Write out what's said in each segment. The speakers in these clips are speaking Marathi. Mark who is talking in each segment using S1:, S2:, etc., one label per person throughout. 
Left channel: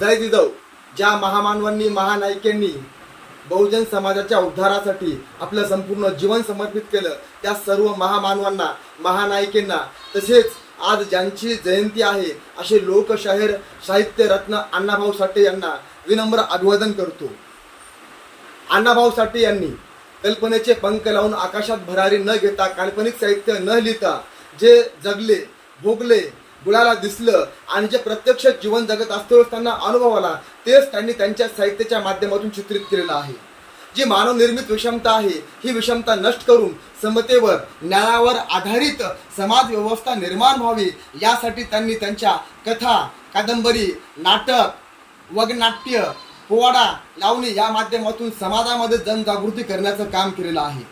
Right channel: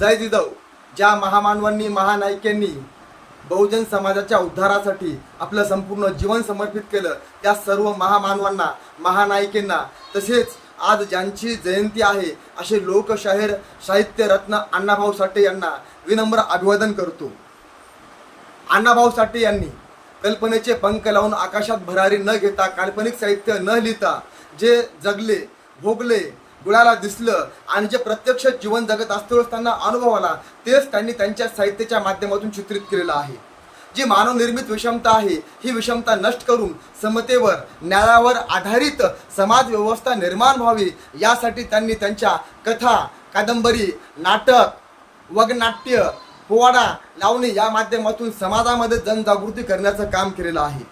S1: जय जिजाऊ ज्या महामानवांनी महानायकांनी बहुजन समाजाच्या उद्धारासाठी आपलं संपूर्ण जीवन समर्पित केलं त्या सर्व महामानवांना महानायकांना तसेच आज ज्यांची जयंती आहे असे लोकशाहीर साहित्य रत्न अण्णाभाऊ साठे यांना विनम्र अभिवादन करतो. अण्णाभाऊ साठे यांनी कल्पनेचे पंख लावून आकाशात भरारी न घेता काल्पनिक साहित्य न लिहिता जे जगले भोगले गुळाला दिसलं आणि जे प्रत्यक्ष जीवन जगत असतो त्यांना अनुभव आला तेच त्यांनी त्यांच्या साहित्याच्या माध्यमातून चित्रित केलेलं आहे. जी मानवनिर्मित विषमता आहे ही विषमता नष्ट करून समतेवर न्यायावर आधारित समाज व्यवस्था निर्माण व्हावी यासाठी त्यांनी त्यांच्या कथा कादंबरी नाटक वगनाट्य पोवाडा लावणी या माध्यमातून समाजामध्ये जनजागृती करण्याचं काम केलेलं आहे.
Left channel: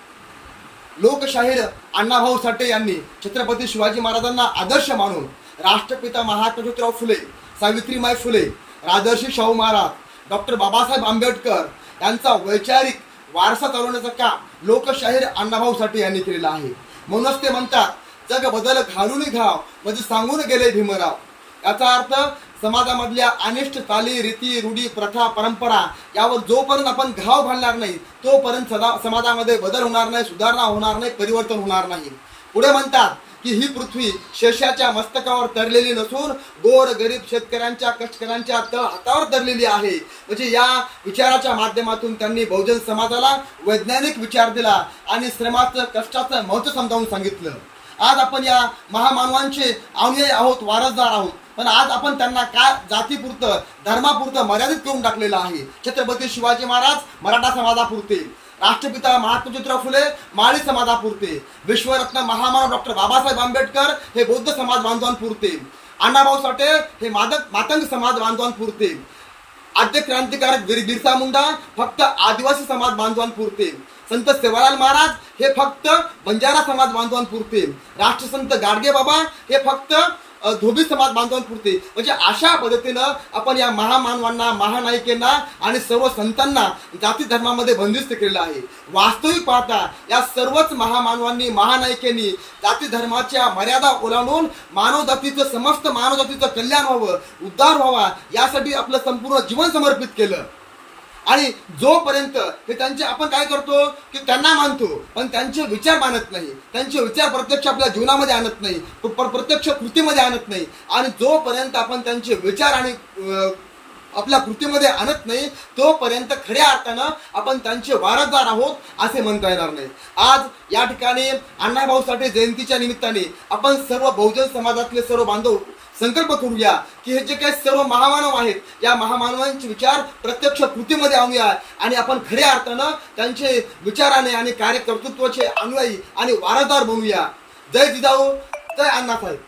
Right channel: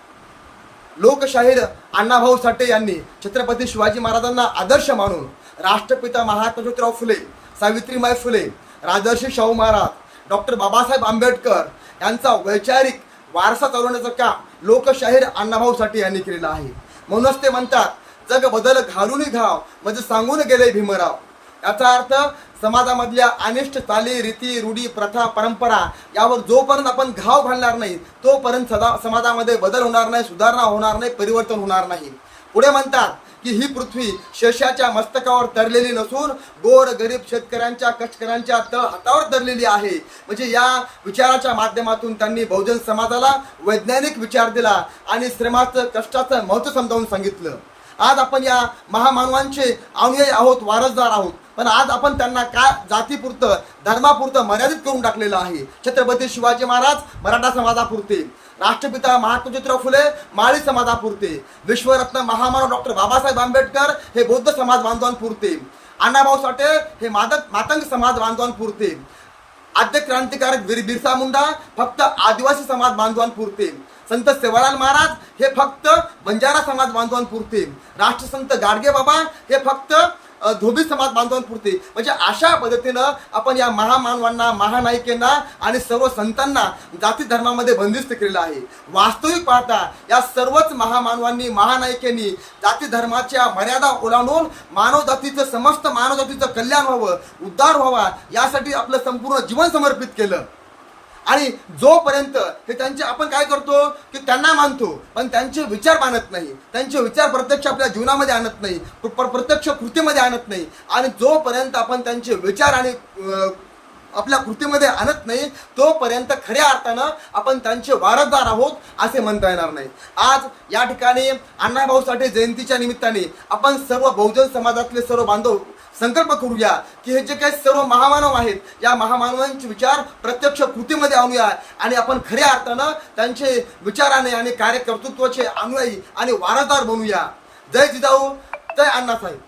S1: लोकशाहीर अण्णाभाऊ साठे यांनी छत्रपती शिवाजी महाराजांना आदर्श मानून राष्ट्रपिता महात्मा ज्योतिराव फुले सावित्रीबाई फुले राजर्षी शाहू महाराज डॉक्टर बाबासाहेब आंबेडकर यांचा वैचारिक वारसा चालवण्याचं काम लोकशाहीर अण्णाभाऊ साठे यांनी केलेलं आहे. म्हणूनच ते म्हणतात जग बदल घालून घाव म्हणजे सांगून गेले भीमराव. याचा अर्थ समाजामधल्या अनिष्ट चाली रीती रूढी प्रथा परंपरा यावर जोपर्यंत आपण घाव घालणार नाही तोपर्यंत सदा समाजामध्ये बदल होणार नाही सुधारणा होणार नाही परिवर्तन होणार नाही. पुढे म्हणतात की ही पृथ्वी शशाच्या मस्तकावर तरलेली नसून गोर गरीब शेतकऱ्यांच्या कष्टकऱ्यांच्या तळ हातावर तरलेली आहे. म्हणजे या विचाराच्या माध्यमातून त्यांनी बहुजन समाजाला वैज्ञानिक विचार दिला आणि श्रमाचं कष्टाचं महत्त्व समजावून सांगितलं. आज आपण या महामानवांचे अनुयायी आहोत वारसदार आहोत. पण आज आपण त्यांना काय जातीपुरतं धर्मापुरतं मर्यादित करून टाकलेलं आहे. छत्रपती शिवाजी महाराज मराठा समाजापुरते. राष्ट्रपिता महात्मा ज्योतिराव फुले माळी समाजापुरते. विश्वरत्न महामानव डॉक्टर बाबासाहेब आंबेडकर हे बौद्ध समाज बांधवांपुरते. अण्णाभाऊ साठे हे मादक मातंग समाज बांधवांपुरते. आद्य क्रांतिकारक वीर बिरसा मुंडा फक्त आदिवासी समाज बांधवांपुरते. संत सेवालाल महाराज हे फक्त बंजारा समाज बांधवांपुरते. राष्ट्रसंत गाडगे बाबा हे फक्त धोबी समाज बांधवांपुरते. म्हणजे अशा पद्धतीनं आपण या महामानवांना महानायिकेंना आणि सर्व संतांना जाती धर्मामध्ये बंदिस्त केलेलं आहे. वास्तविक पाहता या सर्वच महामानवांनी महानायिकेंनी जाती धर्माच्या मर्यादा ओलांडून मानवजातीचं समस्त मानवजातीचं कल्याण व्हावं उद्धार व्हावा यासाठी आपलं संपूर्ण जीवन समर्पित केलं. आणि जोपर्यंत हे त्यांचे आपण काय करतो की त्यांना मानतो पण त्यांचे विचार मानत नाही त्यांचे विचार प्रत्यक्ष आपल्या जीवनामध्ये आणत नाही प्रत्यक्ष कृतीमध्ये आणत नाही आणि जोपर्यंत आपण त्यांचे विचार आणि आपल्या कृतीमध्ये आणत नाही तोपर्यंत खऱ्या अर्थानं आपण त्यांचे वारसदार आहोत असे म्हणता येणार नाही. आज या ठिकाणी अण्णाभाऊ साठे जयंतीच्या निमित्ताने आपण सर्व बहुजन समाजातले सर्व बांधव संकल्प करूया की हे जे काही सर्व महामानव आहेत या महामानवांचे विचार प्रत्यक्ष कृतीमध्ये आणूया आणि आपण खऱ्या अर्थानं त्यांचे विचाराने आणि कार्यकर्तृत्वाचे अनुयायी आणि वारसदार बनूया. जय जिजाऊ जय अण्णासाहेब.